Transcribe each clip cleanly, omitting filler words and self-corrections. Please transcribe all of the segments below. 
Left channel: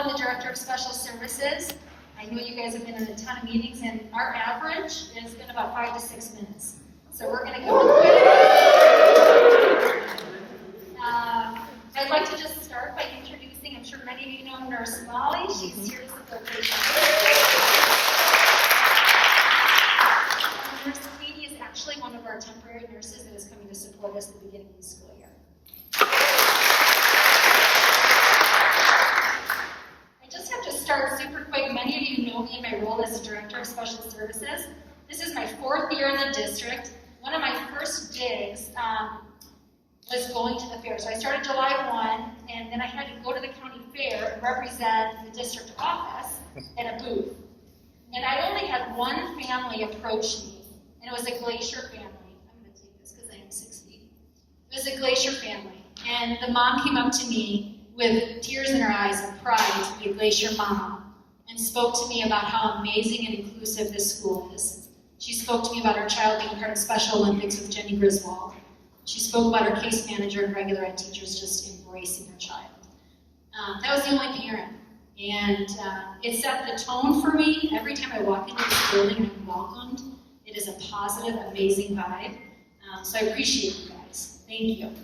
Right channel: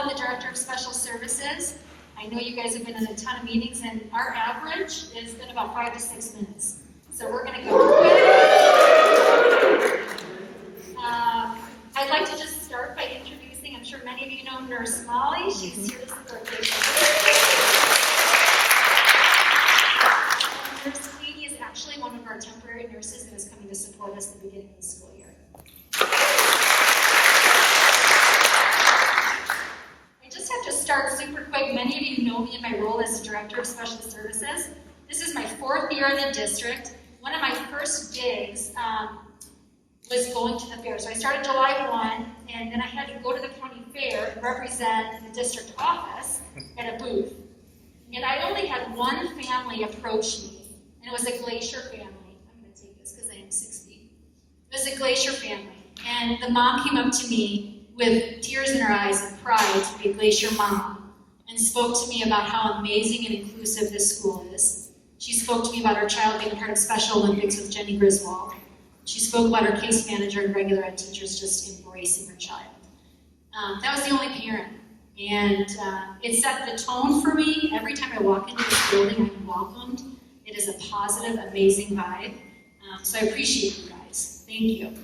I'm the Director of Special Services. I know you guys have been in a ton of meetings, and our average has been about 5 to 6 minutes. So we're going to go quick. I'd like to just start by introducing, I'm sure many of you know Nurse Molly. She's here to support patients. Nurse Katie is actually one of our temporary nurses that is coming to support us at the beginning of the school year. I just have to start super quick. Many of you know me in my role as Director of Special Services. This is my 4th year in the district. One of my first gigs was going to the fair. So I started July 1, and then I had to go to the county fair and represent the district office at a booth. And I only had one family approach me, and it was a Glacier family. I'm going to take this because I am 6 feet. It was a Glacier family, and the mom came up to me with tears in her eyes and pride to be a Glacier mom, and spoke to me about how amazing and inclusive this school is. She spoke to me about her child being part of Special Olympics with Jenny Griswold. She spoke about her case manager and regular ed teachers just embracing her child. That was the only parent. And it set the tone for me. Every time I walk into this building, I'm welcomed. It is a positive, amazing vibe. So I appreciate you guys. Thank you.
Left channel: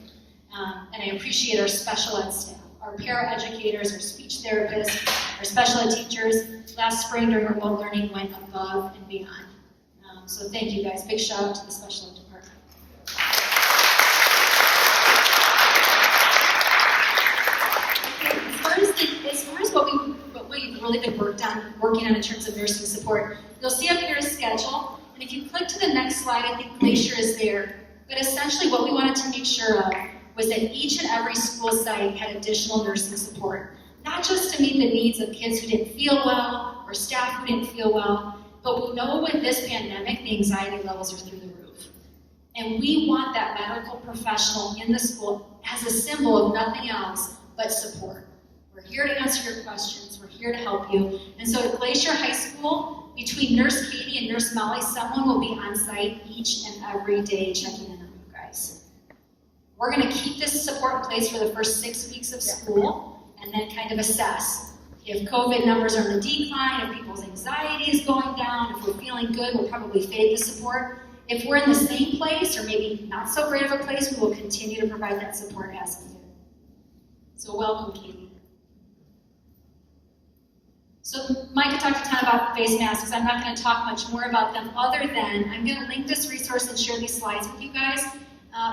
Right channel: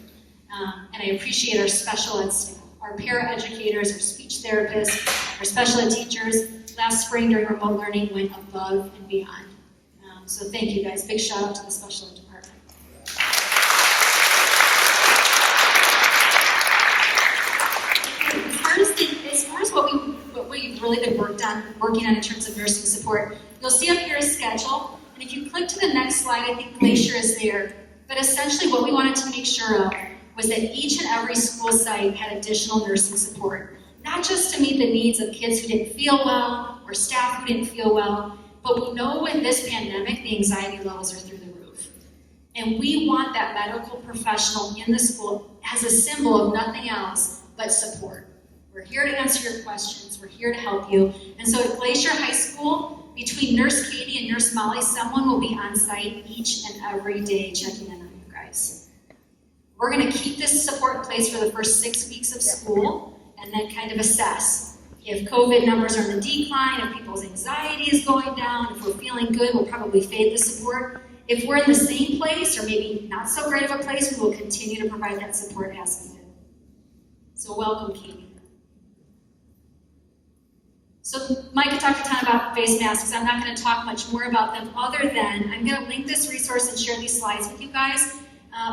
And I appreciate our special ed staff, our paraeducators, our speech therapists, our special ed teachers. Last spring during remote learning went above and beyond. So thank you guys. Big shout out to the special ed department. As far as what we've really been working on in terms of nursing support, you'll see up here a schedule, and if you click to the next slide, I think Glacier is there. But essentially what we wanted to make sure of was that each and every school site had additional nursing support, not just to meet the needs of kids who didn't feel well or staff who didn't feel well, but we know with this pandemic, the anxiety levels are through the roof. And we want that medical professional in the school as a symbol of nothing else but support. We're here to answer your questions. We're here to help you. And so at Glacier High School, between Nurse Katie and Nurse Molly, someone will be on site each and every day checking in on you guys. We're going to keep this support in place for the first 6 weeks of school and then kind of assess. If COVID numbers are in the decline, if people's anxiety is going down, if we're feeling good, we'll probably fade the support. If we're in the same place or maybe not so great of a place, we will continue to provide that support as needed. So welcome, Katie. So Micah talked a ton about face masks. I'm not going to talk much more about them other than I'm going to link this resource and share these slides with you guys.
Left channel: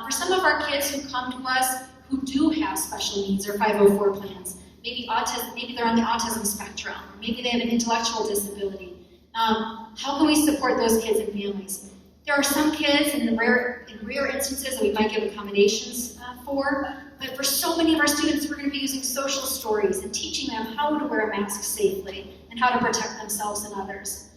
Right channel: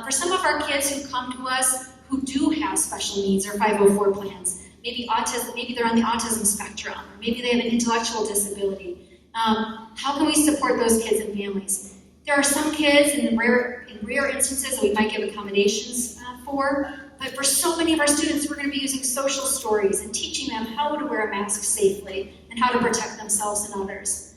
For some of our kids who come to us who do have special needs or 504 plans, maybe autism, maybe they're on the autism spectrum, or maybe they have an intellectual disability. How can we support those kids and families? There are some kids in rare instances that we might give accommodations for, but for so many of our students, we're going to be using social stories and teaching them how to wear a mask safely and how to protect themselves and others.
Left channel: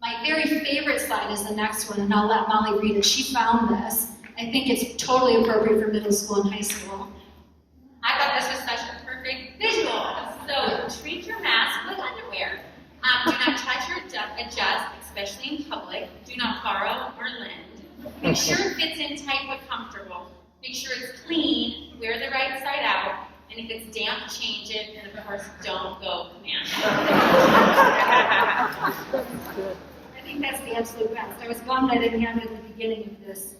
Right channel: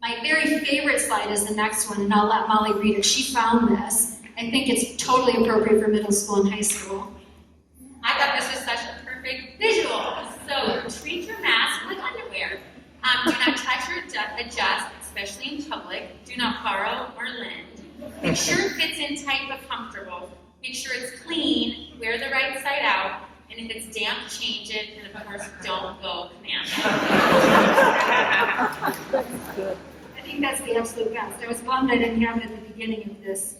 My very favorite slide is the next one, and I'll let Molly read it. She found this. I think it's totally appropriate for middle school and high school. I thought this was such a perfect visual. So treat your mask like underwear. Do not touch or adjust, especially in public. Do not borrow or lend. Make sure it fits in tight but comfortable. Make sure it's clean. Wear the right side out. And if it's damp, change it. And of course, don't go commando. I think that's the absolute best. I was bummed I didn't have it at the beginning of this.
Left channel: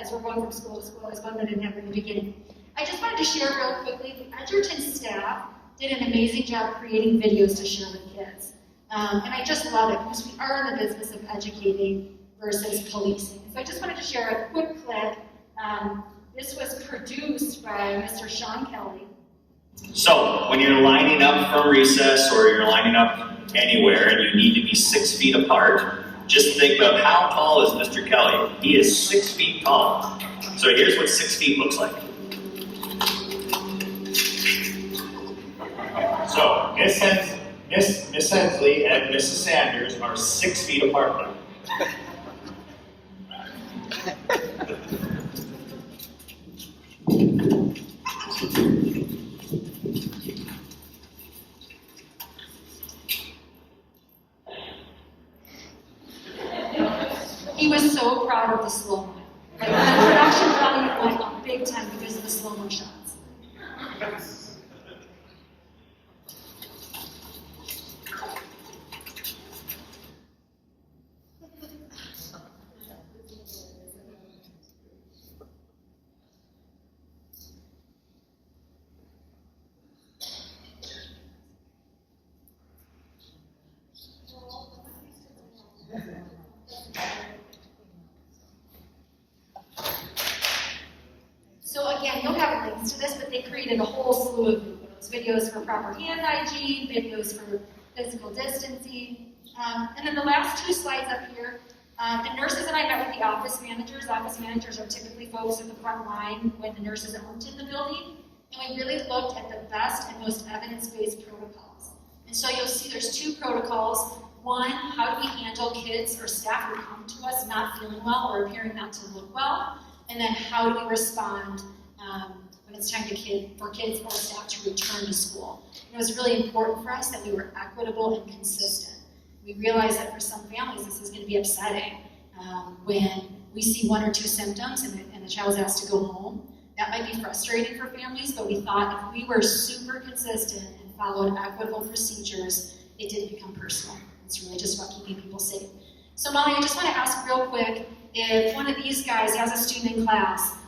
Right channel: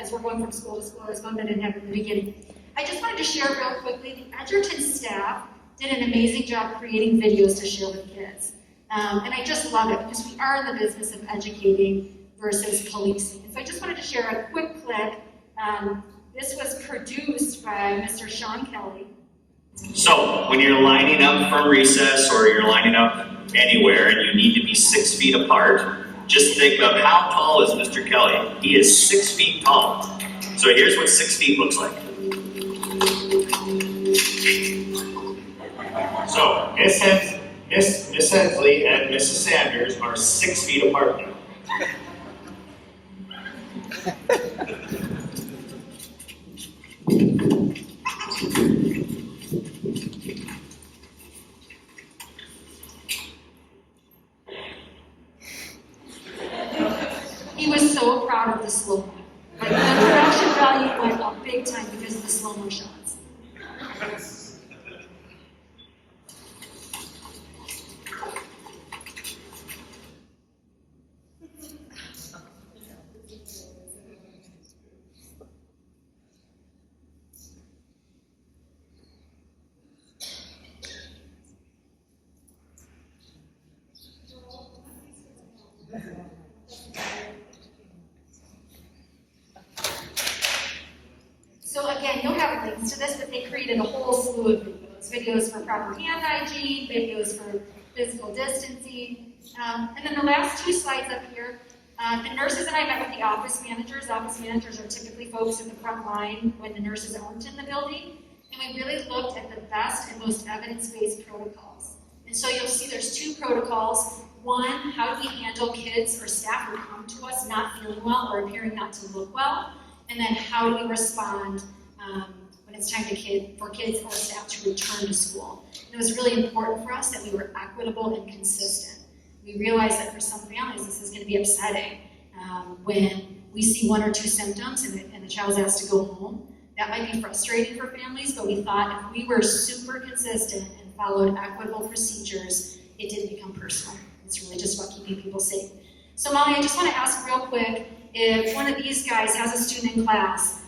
As we're going from school to school, I was bummed I didn't have it in the beginning. I just wanted to share real quickly, the Edgerton staff did an amazing job creating videos to share with kids. And I just love it because we are in the business of educating versus policing. And so I just wanted to share a quick clip. This was produced by Mr. Sean Kelly. So when you're lining up for recess or you're lining up anywhere and you need to be 6 feet apart, just think of how tall is Mr. Kelly. He is 6 feet tall. So here's what 6 feet looks like. So Miss Hensley and Mrs. Sanders are 6 feet apart now. He was so proud of the slow-mo. Like, the production value went up big time because of the slow-mo shots. seconds to this, but they created a whole slew of videos. Videos for proper hand hygiene, videos for physical distancing. And then the last two slides up here, the nurses and I met with the office managers. Office managers are typically folks in the front line when the nurses aren't in the building. And we really looked at the best and most evidence-based protocols. And so you'll see there's two protocols. One, how do we handle kids or staff who come to us not feeling well or appearing not to look well? And then how do we respond when it's time for kids or staff to return to school? And it was really important for us that we were equitable and consistent. We realized that for some families this is going to be upsetting when we see one or two symptoms and the child's asked to go home. That might be frustrating for families, but we thought if we were super consistent and followed equitable procedures, it didn't become personal. It's really just about keeping people safe. So Molly, I just want to ask real quick, if one of these guys has a student in class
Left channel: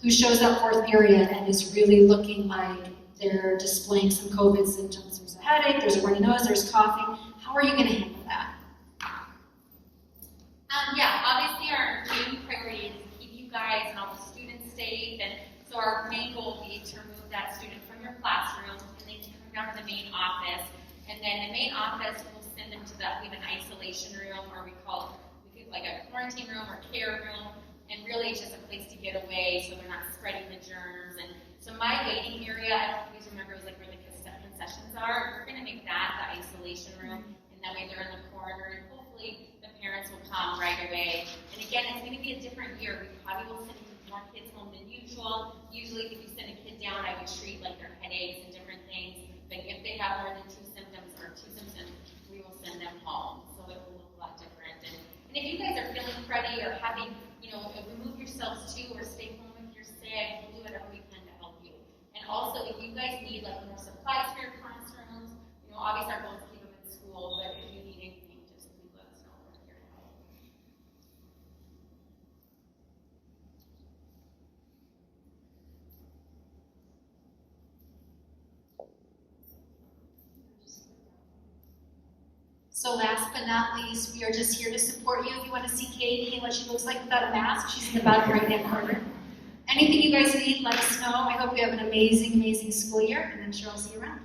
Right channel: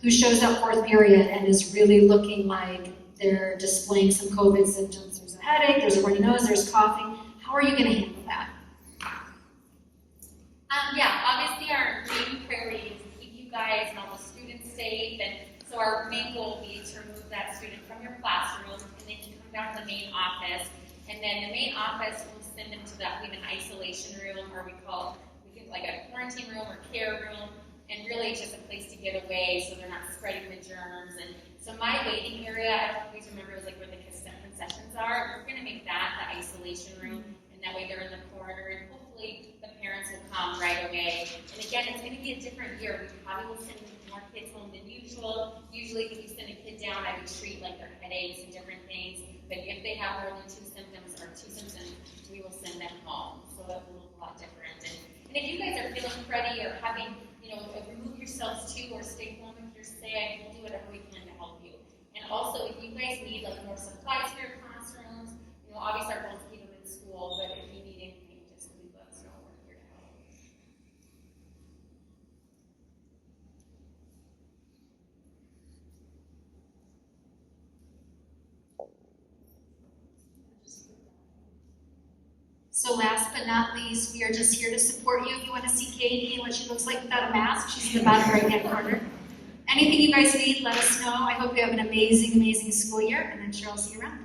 who shows up fourth period and is really looking like they're displaying some COVID symptoms, there's a headache, there's a runny nose, there's coughing, how are you going to handle that? Yeah, obviously our main priority is to keep you guys and all the students safe, and so our main goal will be to remove that student from your classroom, and they can come down to the main office, and then the main office will send them to that, we have an isolation room, or we like a quarantine room or care room, and really it's just a place to get away so they're not spreading the germs. And so my waiting area, I don't always remember, is like where the concessions are. We're going to make that the isolation room, and that way they're in the corner, and hopefully the parents will come right away. And again, it's going to be a different year. We probably will send more kids home than usual. Usually if you send a kid down, I would treat like their headaches and different things, but if they have more than two symptoms, we will send them home. So that will look a lot different. And if you guys are feeling cruddy or having, remove yourselves too, or stay home if you're sick, we'll do whatever we can to help you. And also, if you guys need like more supplies for your classrooms, obviously our goal is to keep them in school, but if you need anything, just please let us know. We're here to help. So last but not least, we are just here to support you. If you want to see Katie and what she looks like without a mask, she's in the bottom right-hand corner. Anything you guys need, let us know. I hope you have an amazing, amazing school year, and I'm sure I'll see you around.